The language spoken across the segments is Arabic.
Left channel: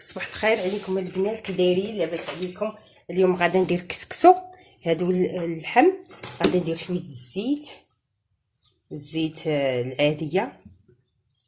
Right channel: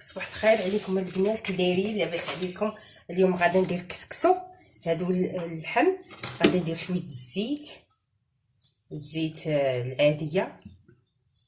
صباح الخير عليكم البنات، كي دايرين؟ لاباس عليكم؟ اليوم غادا ندير كسكسو. هادو اللحم غادا ندير شويه الزيت العاديه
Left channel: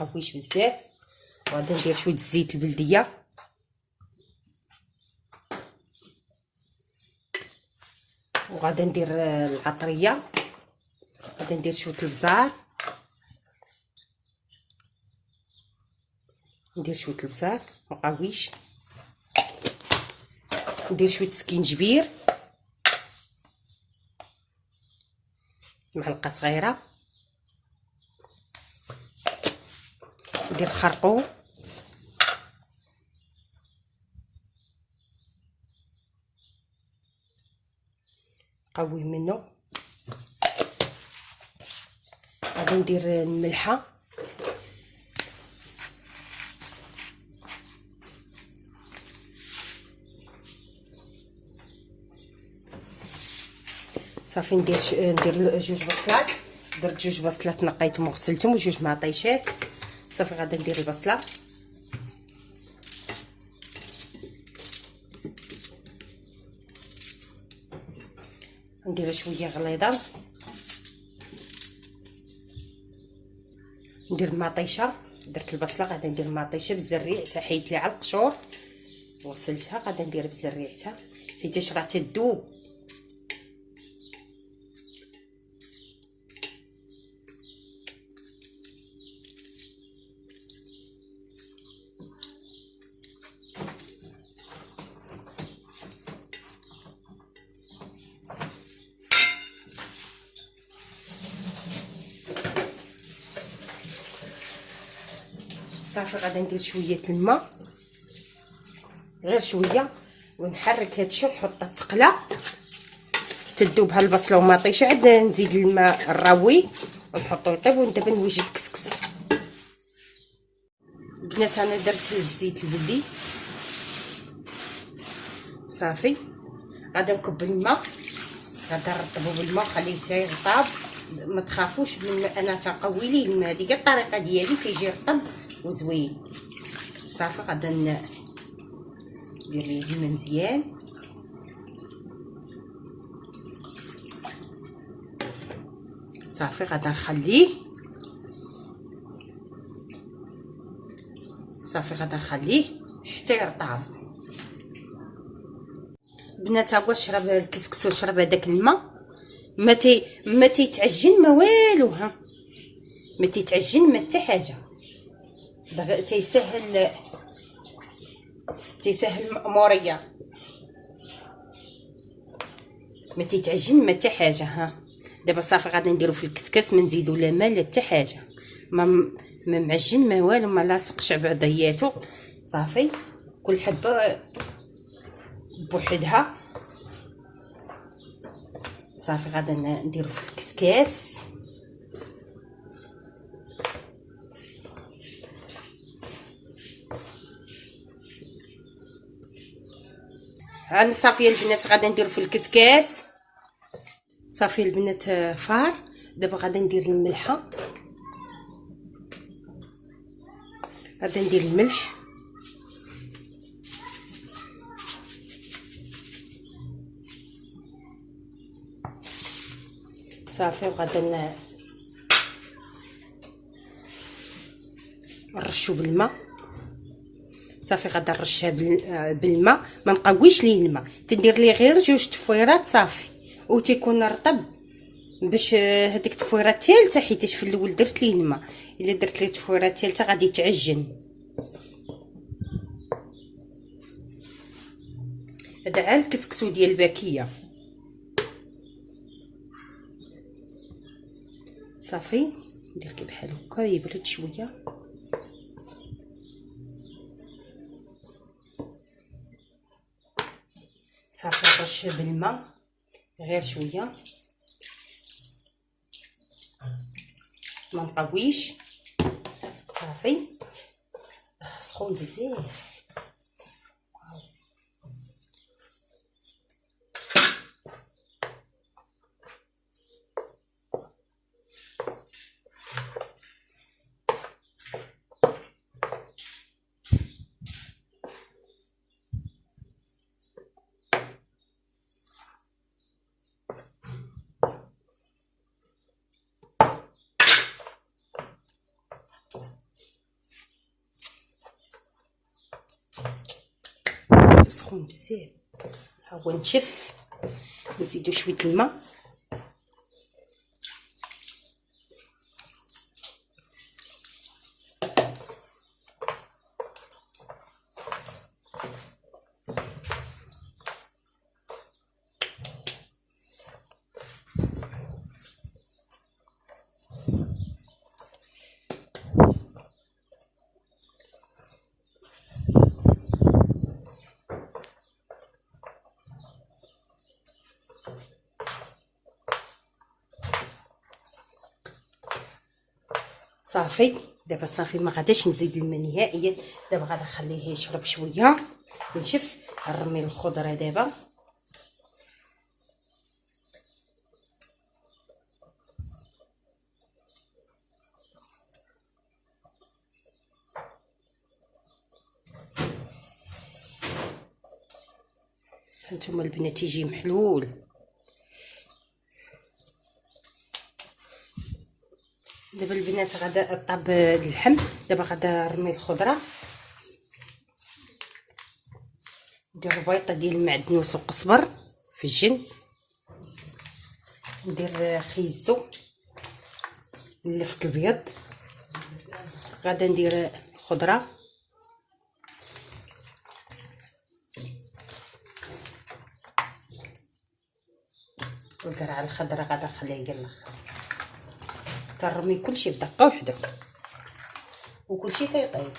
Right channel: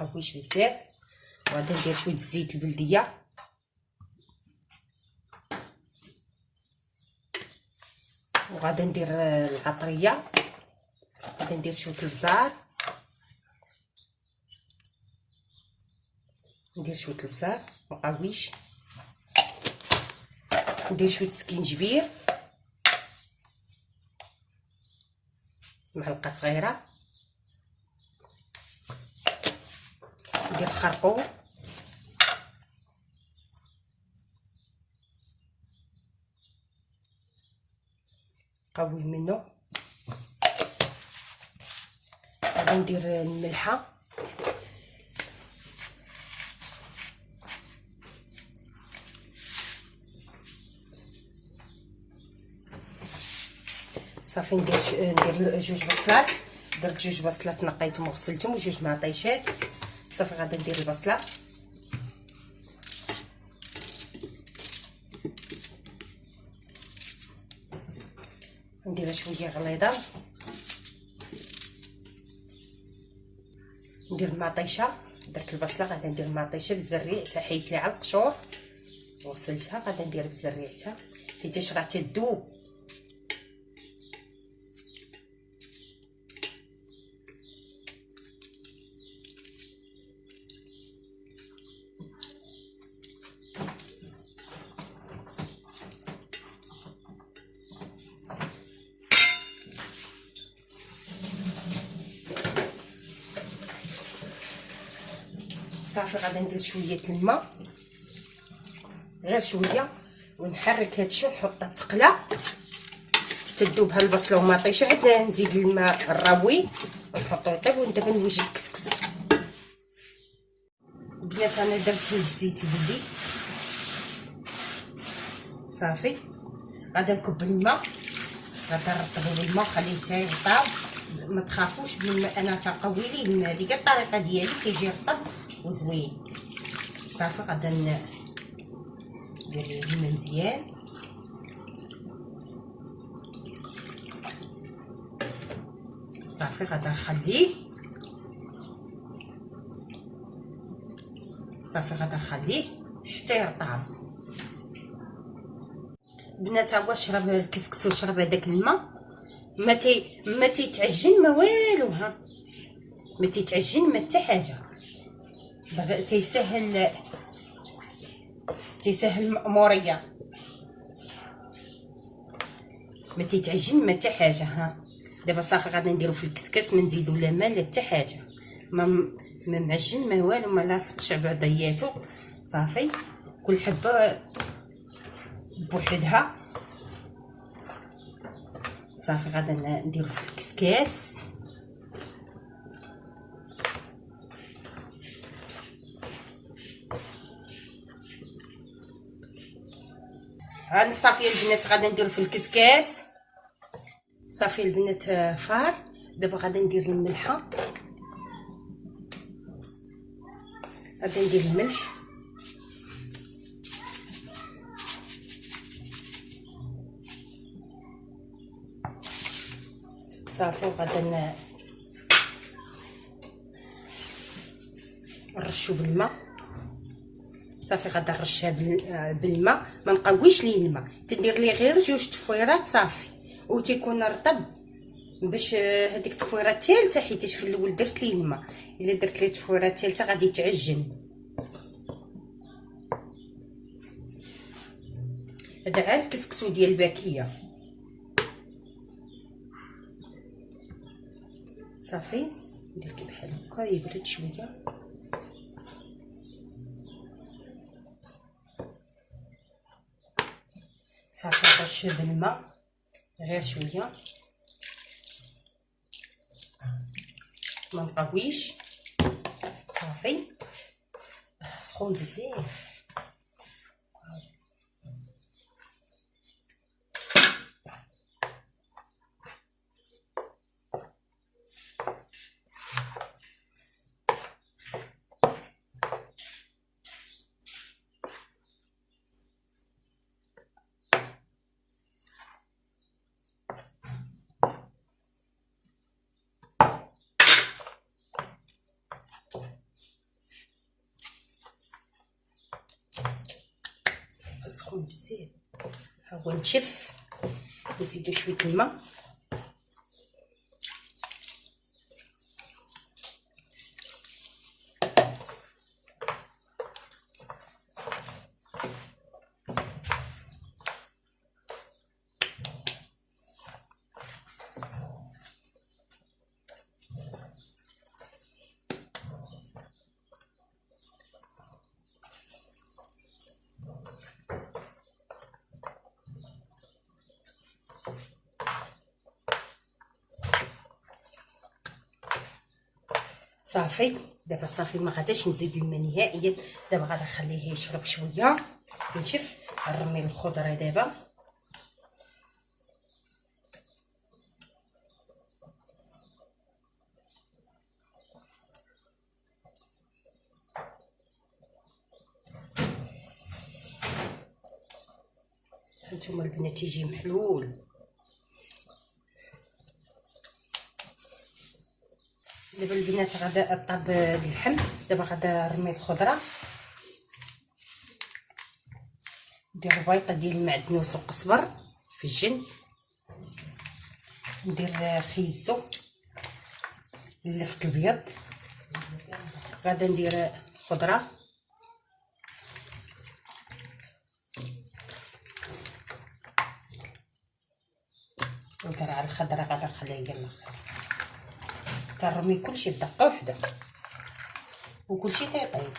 مقويش بزاف، وغادا ندير شويه الزيت البلديه، وغادا ندير العطريه، غادا ندير شويه البزار، ندير شويه البزار مقويش، ندير شويه سكينجبير معلقه صغيره، ندير خرقوم، قوي منه، غادي ندير الملحه، صافي ندير جوج بصلات. درت جوج بصلات نقيتهم وغسلتهم، وجوج معطيشات. صافي غادا ندير البصله، ندير شويه غليظه، ندير المعطيشه. درت البصله، غادا ندير المعطيشه بالزريع حتى حيدت ليها على القشور وغسلتها. غادا ندير بالزريع حيت راه تذوب. صافي غادا ندير شويه الماء، غير شويه، ونحرك هادشي ونحطها تقلى تذوب ها البصله وماطيشه. عاد نزيد الماء الراوي ونحطو يطيب، ودابا نوجد الكسكس. بنات انا درت الزيت البلدي. صافي غادا نكب الماء، غادا نرطبو بالماء ونخليه حتى يرطب. ما تخافوش من انا تقوي ليه، هذه هي الطريقه ديالي كيجي رطب وزوين. صافي غادا ندير ليه الماء مزيان، صافي غادا نخليه، صافي غادا نخليه حتى يرطب. بنات ها هو شرب الكسكس وشرب هذاك الماء، ما تيتعجن ما والو، ها ما تيتعجن ما حتى حاجه. تيسهل المأموريه، ما تيتعجن ما حتى حاجه. ها دابا صافي غادي نديرو في الكسكس، ما نزيدو لا ماء لا حتى حاجه، ما معجن ما والو، ما لاصقش بعضياتو. صافي كل حبه بوحدها. صافي غادا نديرو في الكسكاس. هاني صافي البنات غادا نديرو في الكسكاس. صافي البنات فار. دابا غادا ندير الملحه، غادا ندير الملح، صافي وغادا نرشو بالماء. صافي غادا نرشها بالماء، ما نقويش ليه الماء، تندير ليه غير جوج تفويرات صافي، وتيكون رطب باش هذيك التفويره الثالثه، حيت في الاول درت ليه الماء. الا درت ليه التفويره الثالثه غادي يتعجن. هذا عا الكسكسو ديال الباكيه. صافي ندير كي بحال هكا يبرد شويه. صافي نرش بالماء غير شويه، ما نقويش. صافي سخون بزاف. سخون بزاف. ها هو نشف، نزيدو شويه الماء. صافي دابا صافي، ما غاداش نزيد الماء نهائيا. دابا غادي نخليه يشرب شويه ونشف. نرمي الخضره دابا. هانتوما البنات يجي محلول. دابا البنات غادا طاب اللحم. دابا غادا نرمي الخضره، ندير بيطه ديال المعدنوس وقزبر في الجن، ندير خيزو اللفت الابيض، غادا ندير خضره، القرعه الخضراء غادا نخليها حتى الاخر. كنرمي كلشي في دقه وحده وكلشي تيطيب.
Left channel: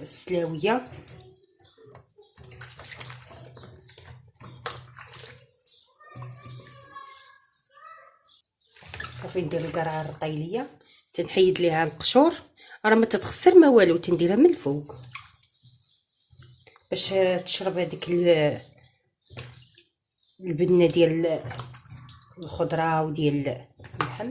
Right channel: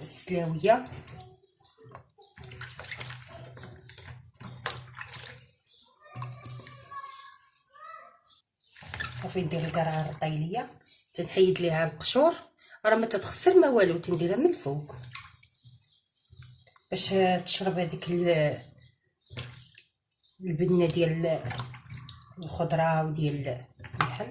السلاويه صافي، ندير القرعه الرطيليه، تنحيد ليها القشور، راه ما تتخسر ما والو، تنديرها من الفوق باش تشرب هذيك البنه ديال الخضره وديال اللحم.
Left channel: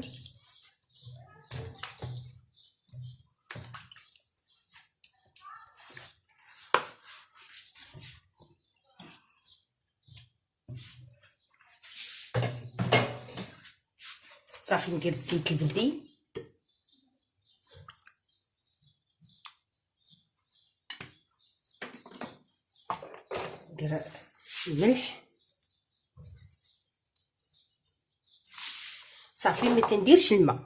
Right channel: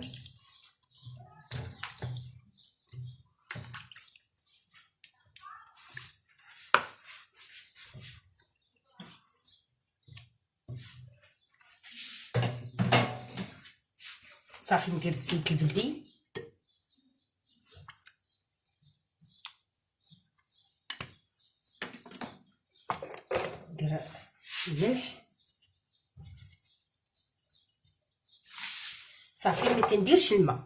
صافي ندير الزيت البلدي، ندير الملح. صافي ما تنديرش الماء،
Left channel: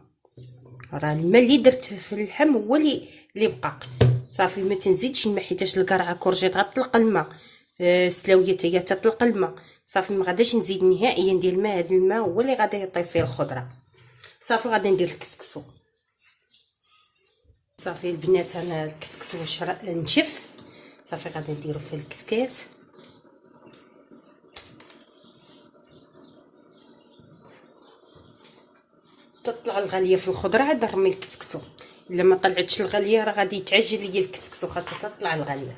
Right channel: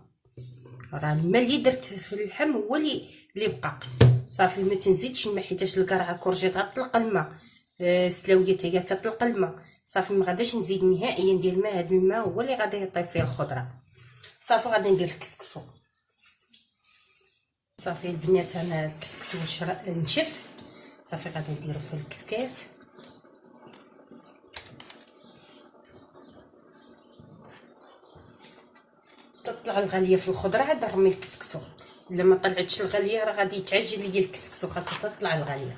راه الماء اللي درت في اللحم هو اللي بقى. صافي ما تنزيدش الماء حيتاش القرعه كورجيط غتطلق الماء، السلاويه حتى هي تطلق الماء. صافي ما غاداش نزيد نهائيا ندير الماء، هذا الماء هو اللي غادي يطيب فيه الخضره. صافي غادي ندير الكسكسو. صافي البنات انا الكسكسو نشف. صافي غادي نديرو في الكسكاس. تطلع الغاليه في الخضره عاد نرمي الكسكسو. الا ما طلعتش الغاليه راه غادي يتعجل ليا الكسكسو، خاصها تطلع الغاليه.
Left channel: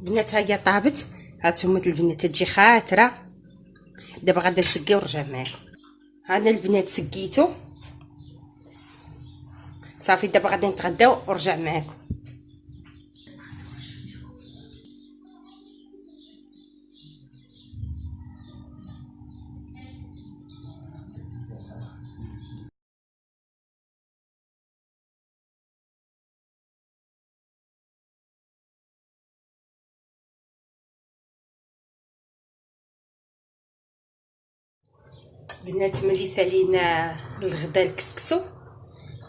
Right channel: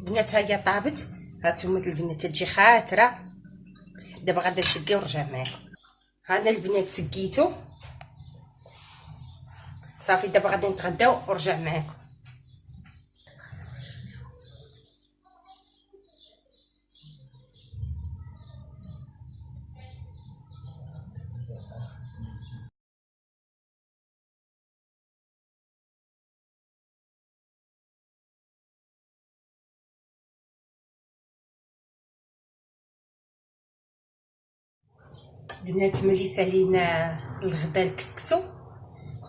البنات ها هي طابت، هانتوما البنات تجي خاطره. دابا غادا نسقي ونرجع معاكم. هذا البنات سقيتو صافي. دابا غادي نتغداو ونرجع معاكم. البنات ملي سالينا الغدا الكسكسو،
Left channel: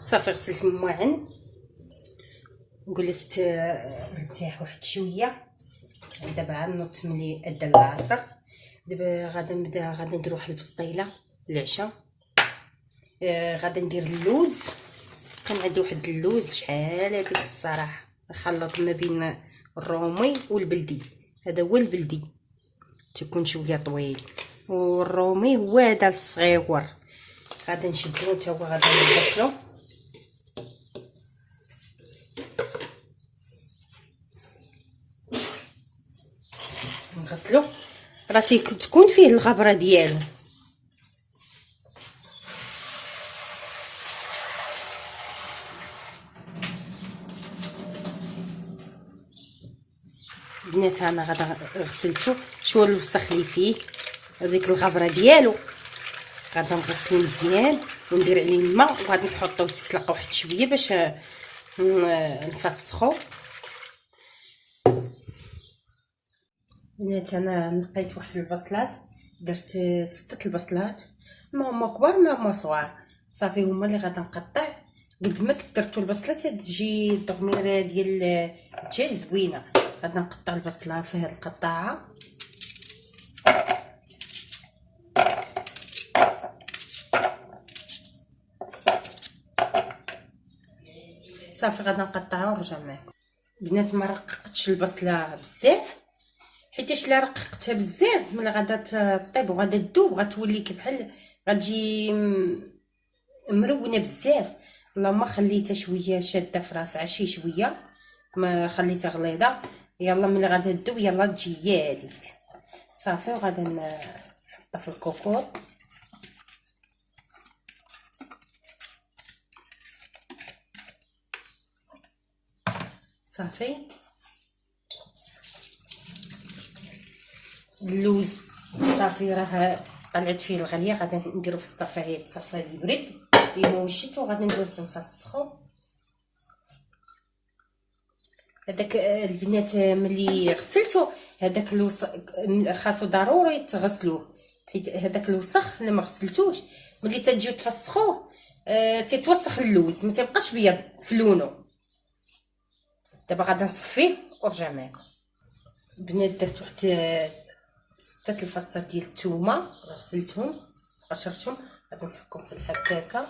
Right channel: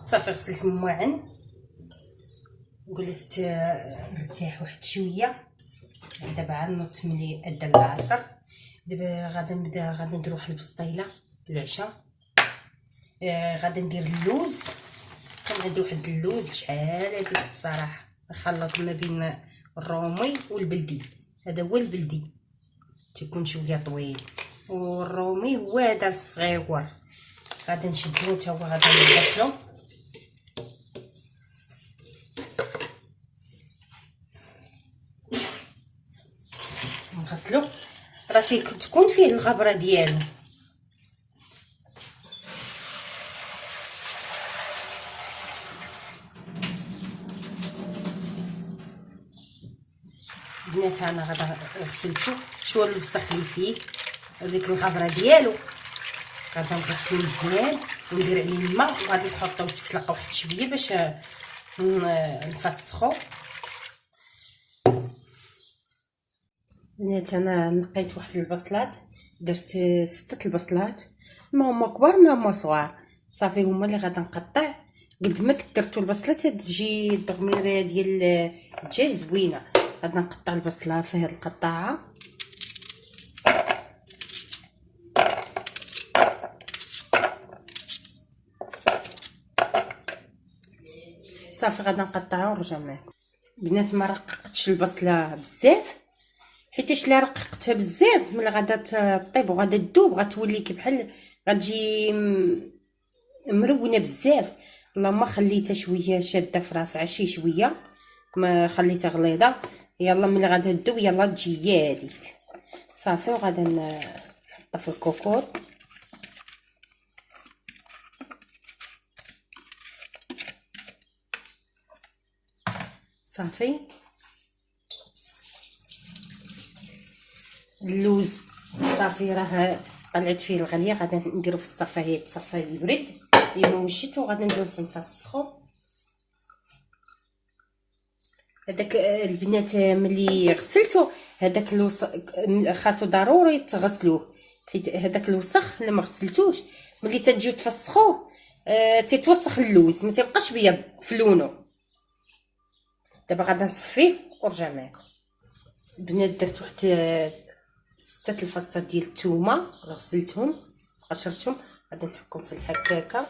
صافي غسلت المواعن وجلست نرتاح واحد شويه. دابا غنوض ملي ادى العصر. دابا غادا ندير واحد البسطيله للعشاء. غادا ندير اللوز، كان عندي واحد اللوز شحال هادي الصراحه نخلط ما بين الرومي والبلدي. هذا هو البلدي تكون شويه طويل، والرومي هو هذا الصغيور. غادي نشدو تا هو، غادي نغسلو. راه تكون فيه الغبره ديالو. البنات انا غادا غسلتو. شو الوسخ اللي فيه وديك الغبره ديالو، غادا نغسلو مزيان وندير عليه الماء، وغادي نحطوه تسلق واحد شويه باش نفسخو. البنات انا نقيت واحد البصلات، درت 6 البصلات، ما هما كبار ما هما صغار، صافي هما اللي غادا نقطع. قد ما كثرتو البصلات تجي الدغميره ديال الدجاج زوينه. غادا نقطع البصله في هاد القطاعه. صافي غادا نقطعها ونرجع معكم. بنات ما رققتش البصله بزاف، حيتاش الا رققتها بزاف ملي غادا طيب وغادا تذوب غتولي بحال غتجي مرونه بزاف. اللهم خليتها شويه شاده في راسها شي شويه، ما خليتها غليظه. يلا ملي غادا تذوب يلا تجي هذيك صافي. وغادا نحطها في الكوكوط. صافي اللوز صافي راه طلعت فيه الغليه، غادا نديرو في الصفايه تصفى يبرد يموشت، وغادا ندوز نفسخو. هذاك البنات ملي غسلتو هذاك الوسخ خاصو ضروري تغسلوه، حيت هذاك الوسخ اللي ما غسلتوش ملي تجيو تفسخوه تيتوسخ اللوز، ما تيبقاش بيض في لونو. دابا غادا نصفيه ونرجع معكم. البنات درت واحد 6 الفصات ديال الثومه، غسلتهم قشرتهم، غادي نحكهم في الحكاكه.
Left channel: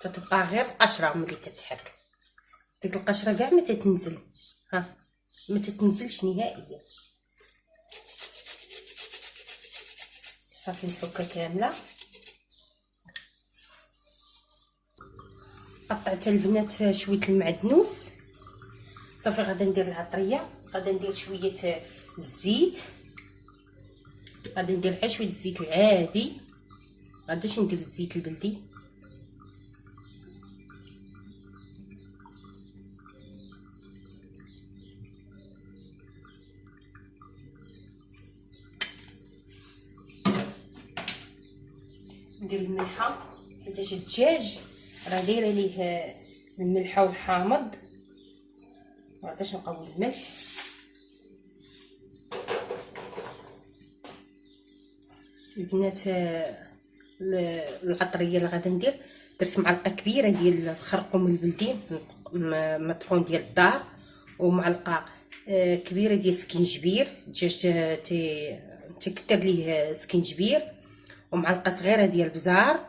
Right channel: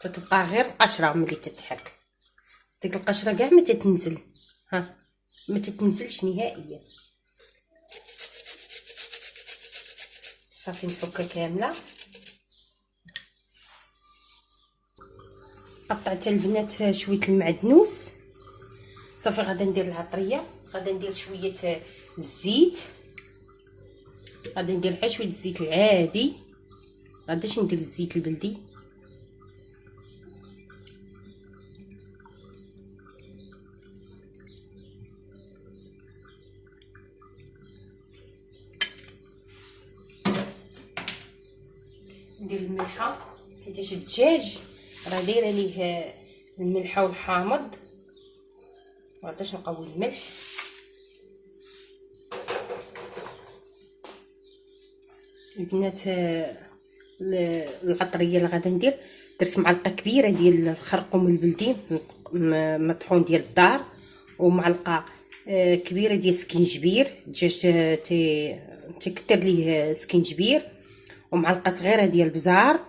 تتبقى غير القشره ملي تتحك، ديك القشره كاع ما تتنزل، ها ما تتنزلش نهائيا. صافي نحكها كامله. قطعت البنات شويه المعدنوس. صافي غادا ندير العطريه، غادا ندير شويه الزيت، غادي ندير غير شويه الزيت العادي، غاداش ندير الزيت البلدي. ندير الملحه حيت الدجاج راه دايره ليه الملحه والحامض، مغاداش نقوي الملح. البنات العطريه اللي غادا ندير، درت معلقه كبيره ديال الخرقوم البلدي مطحون ديال الدار، ومعلقه كبيره ديال السكينجبير. الدجاج تكثر ليه سكينجبير، ومعلقه صغيره ديال البزار،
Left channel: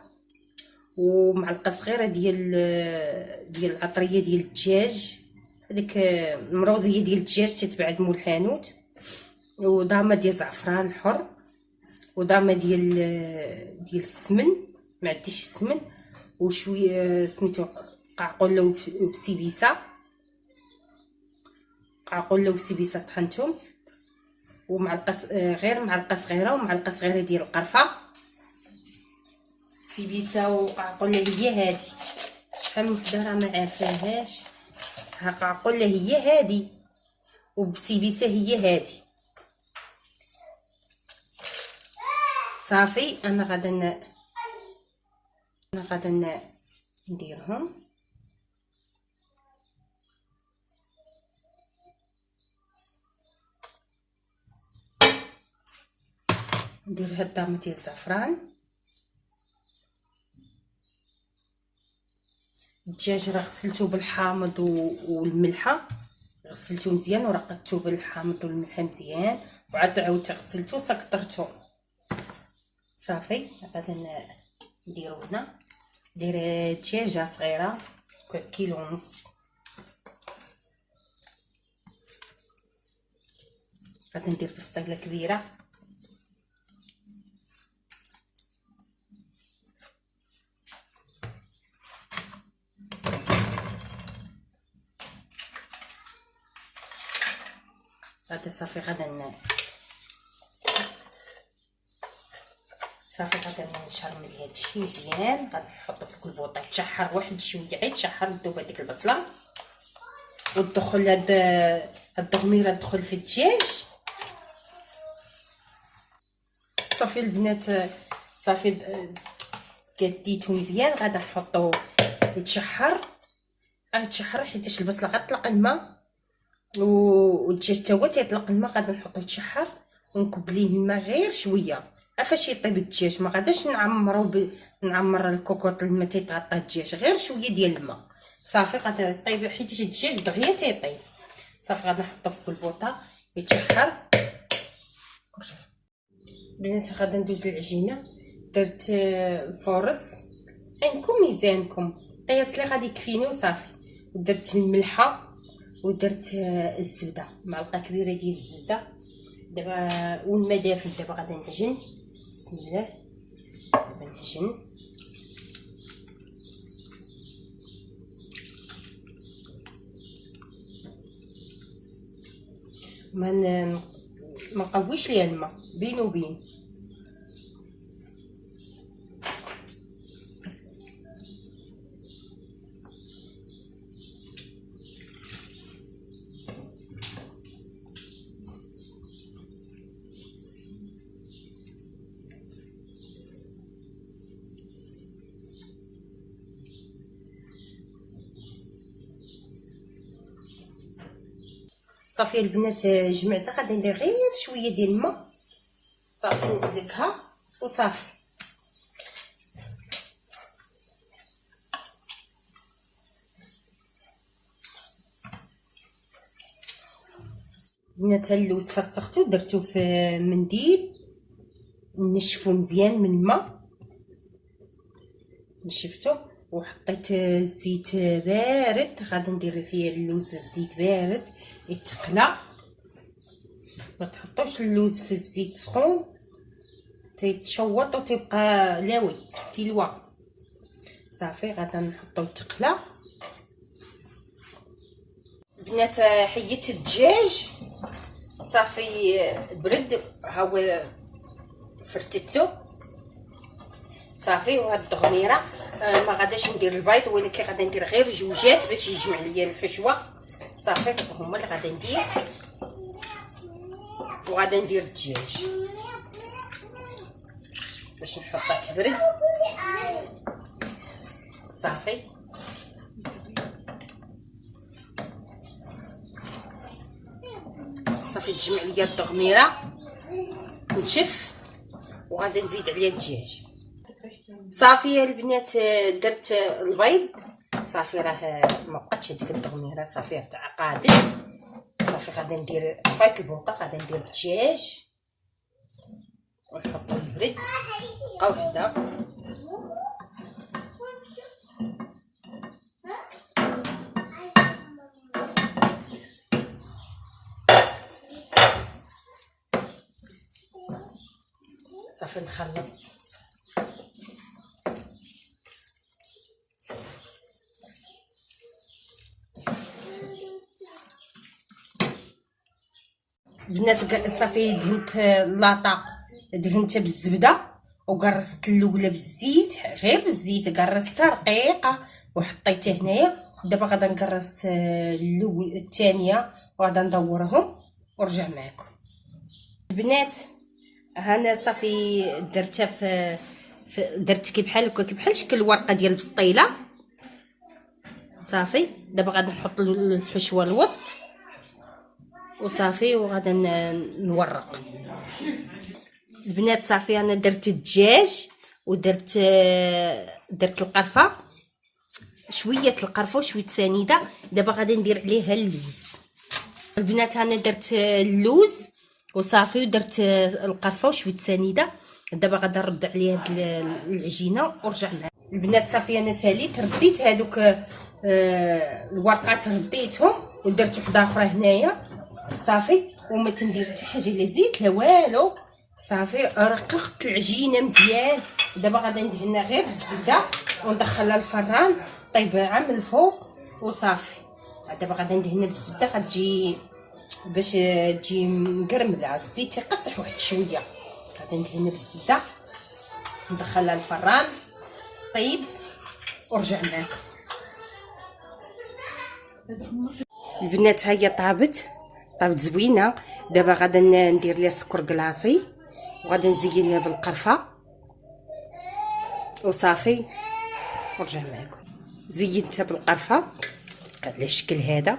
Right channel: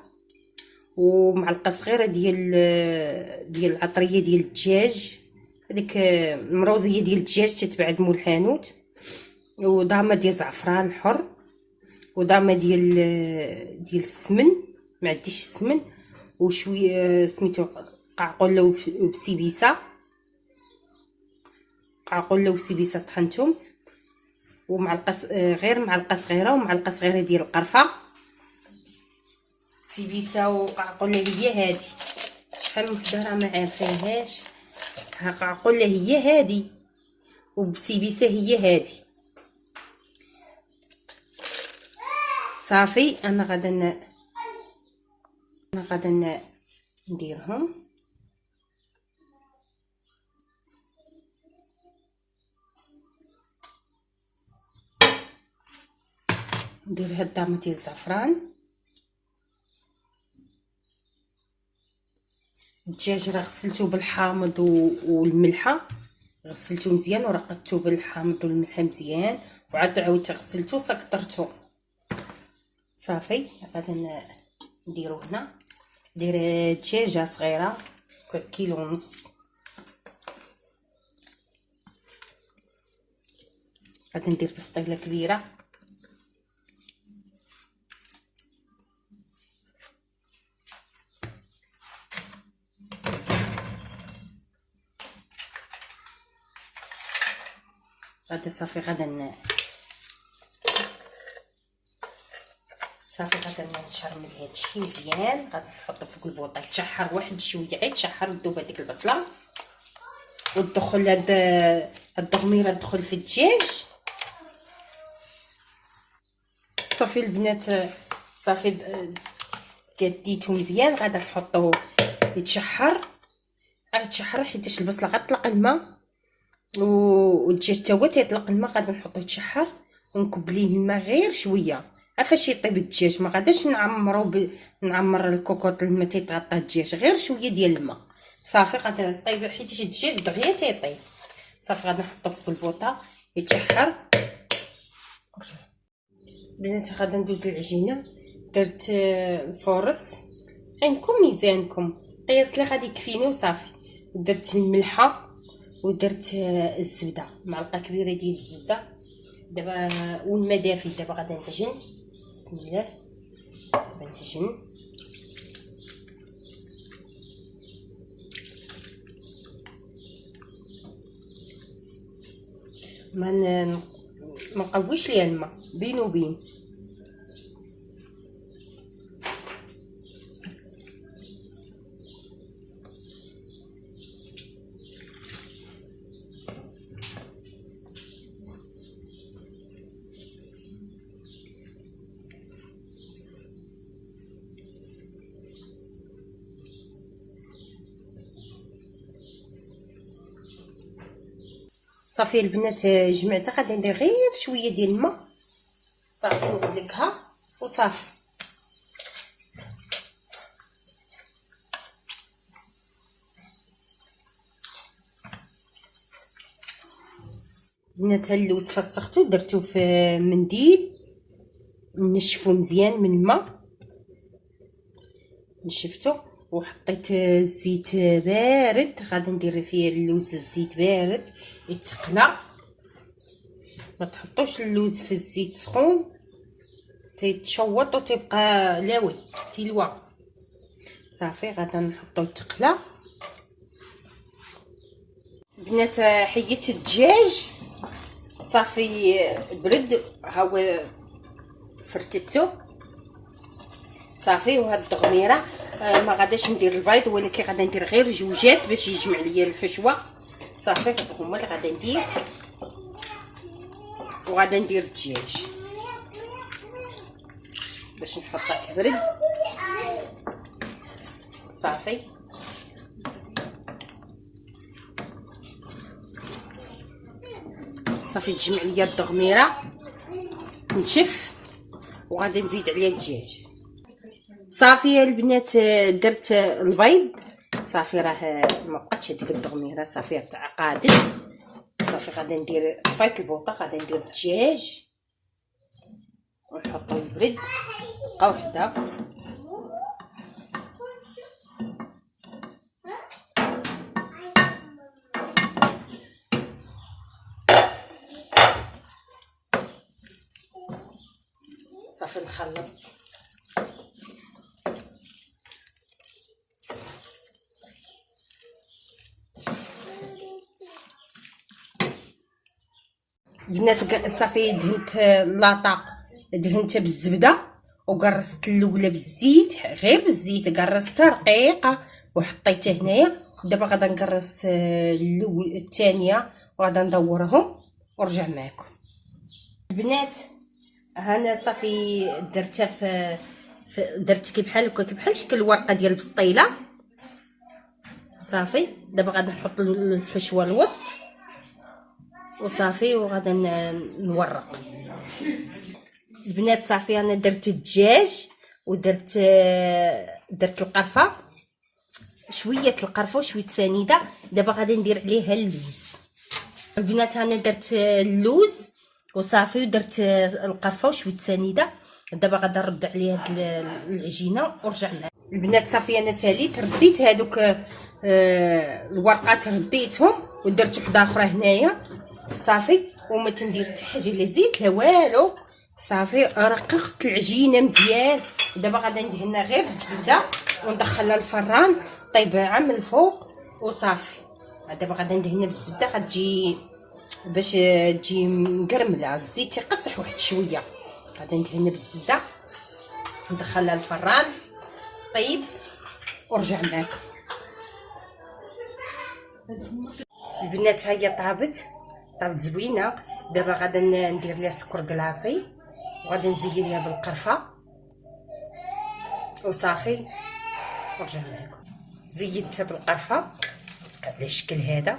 ومعلقه صغيره ديال العطريه ديال الدجاج، هذيك المروزيه ديال الدجاج تتباع مول الحانوت، وضامه ديال الزعفران الحر، وضامه ديال السمن، ما عنديش السمن، وشويه سميتو قعقله وبسيبيسه، قعقله وسيبيسه طحنتهم، ومعلقه غير معلقه صغيره، ومعلقه صغيره ديال القرفه. سيبيسه وقعقله هي هادي، شحال من وحده راه ما عارفاهاش. ها قعقله هي هادي، وبسيبيسه هي هادي. صافي انا غادا نديرهم. ندير هاد الضامه ديال الزعفران. الدجاج راه غسلته بالحامض والملحه، غسلته مزيان ورقدته بالحامض والملحه مزيان، وعاد عاودت غسلته سكطرته. صافي غادي نديرو هنا. ندير دجاجه صغيره كيلو ونص. غادي ندير بسطيله كبيره. غادي صافي غادي نشرمل هادشي مزيان. غادي نحطو فوق البوطه يتشحر واحد شويه، غير تشحر وتذوب هذيك البصله وتدخل هاد الدغميره تدخل في الدجاج. صافي البنات صافي قديتو مزيان. غادي نحطو يتشحر حيتاش البصله غتطلق الماء والدجاج تا هو تيطلق الماء. غادي نحطو يتشحر ونكب ليه الماء غير شويه فاش يطيب الدجاج. ما غاديش نعمر الكوكوط الماء تيتغطى الدجاج، غير شويه ديال الماء صافي. غادي طيب حيت الدجاج دغيا تيطيب. صافي غادي نحطو فوق البوطه يتشحر. بنات غادي ندوز العجينه. درت الفورص عندكم ميزانكم، قياس اللي غادي يكفيني وصافي. ودرت الملحه ودرت الزبده، معلقه كبيره ديال الزبده. دابا والماء دافي. دابا غادي نعجن. بسم الله. دابا نعجن. ما نقويش ليها الماء بين وبين. صافي البنات جمعتها. غادي ندير غير شويه ديال الماء صافي ندلكها وصافي. بنات اللوز فسختو درتو في منديل نشفو مزيان من الماء. نشفتو وحطيت الزيت بارد. غادي ندير فيه اللوز الزيت بارد يتقلى. ما تحطوش اللوز في الزيت سخون تيتشوط وتبقى لاوي كيلوا. صافي غادي نحطو يتقلى. بنات حيدت الدجاج صافي برد. ها هو فرتتو صافي. وهاد الدغميره ما غاديش ندير البيض، ولكن غادي ندير غير جوجات باش يجمع ليا الحشوه. صافي هما اللي غادي ندير. وغادي ندير الدجاج باش نحطها تبرد. صافي صافي تجمع ليا الدغميره نشف وغادي نزيد عليها الدجاج. صافي البنات درت البيض صافي. راه مبقاتش هذيك الدغميره صافي تعقدت. صافي غادي ندير طفيت البوطه. غادي ندير الدجاج ونحطو يبرد. بقاو حدا. صافي نخلط. بنات صافي دهنت اللاطه دهنتها بالزبده وقرصت الاولى بالزيت، غير بالزيت قرصتها رقيقه وحطيتها هنايا. دابا غادي نقرص الثانيه وغادي ندورهم ونرجع معكم. البنات هنا صافي درتها في درت كي بحال هكا كي بحال شكل الورقه ديال البسطيله. صافي دابا غادي نحط الحشوه الوسط وصافي وغادي نورق. البنات صافي انا درت الدجاج ودرت القرفه، شويه القرفه وشويه سنيده. دابا غادي ندير عليها اللوز. البنات انا درت اللوز وصافي ودرت القرفه وشويه سنيده. دابا غادا نرد عليه هاد العجينه ورجع معاك البنات. صافي انا ساليت رديت هادوك الورقات رديتهم ودرت وحده اخرى هنايا صافي، وما تندير حتى حاجه لا زيت لا والو. صافي رققت العجينه مزيان. دابا غادا ندهنها غير بالزبده وندخلها الفران طيبه من الفوق وصافي. دابا غادا ندهنها بالزبده غتجي باش تجي مقرمله. الزيت تيقصح واحد شويه. غادا ندهنها بالزبده ندخلها الفران طيب ورجع معاكم البنات. ها هي طابت زوينه. دابا غادا ندير ليها سكر كلاصي وغادا نزينها بالقرفه وصافي ورجع معاكم. زينتها بالقرفه على الشكل هذا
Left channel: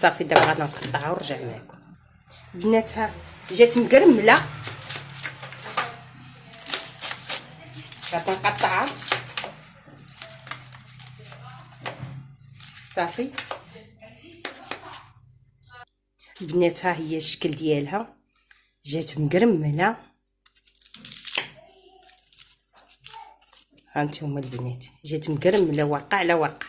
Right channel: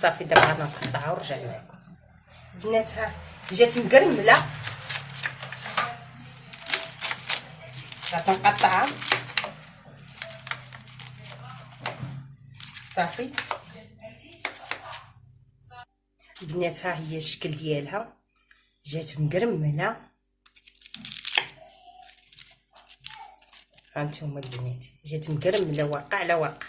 صافي. دابا غادا نقطعها ونرجع معاكم البنات. ها جات مقرمله غادا نقطعها صافي البنات. ها هي الشكل ديالها جات مقرمله. ها نتوما البنات جات مقرمله ورقه على ورقه.